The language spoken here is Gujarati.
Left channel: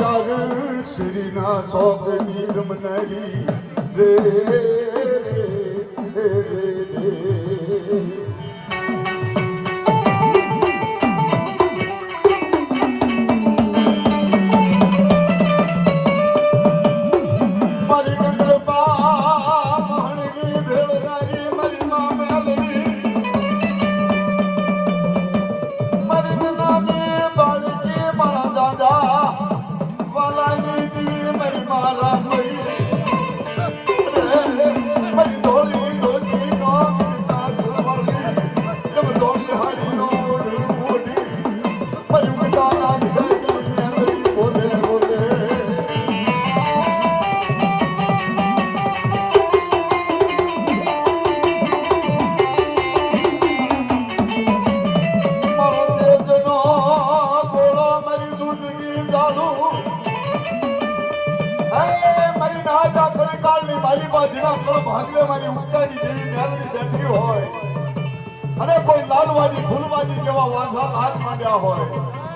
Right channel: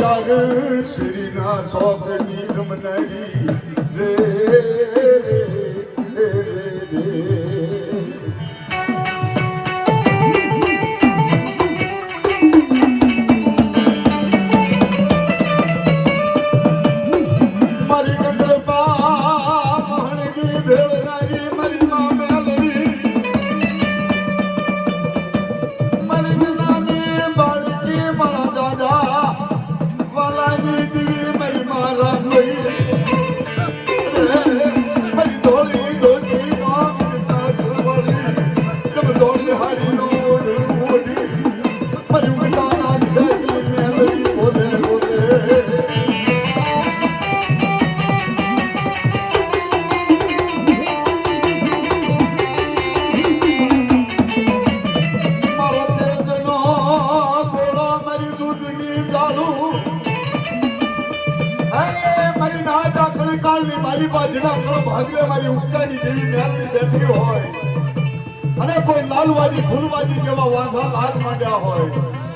ચાર શ્રીના શોકની ગમનારી રે ભાગલે મારી ઉગતાની દેવી મ્યાલની બેઠી હોય અને કોઈ લાલવાદી ફૂલવાદી જેવા વાંધા લાગ માંડ્યા હોય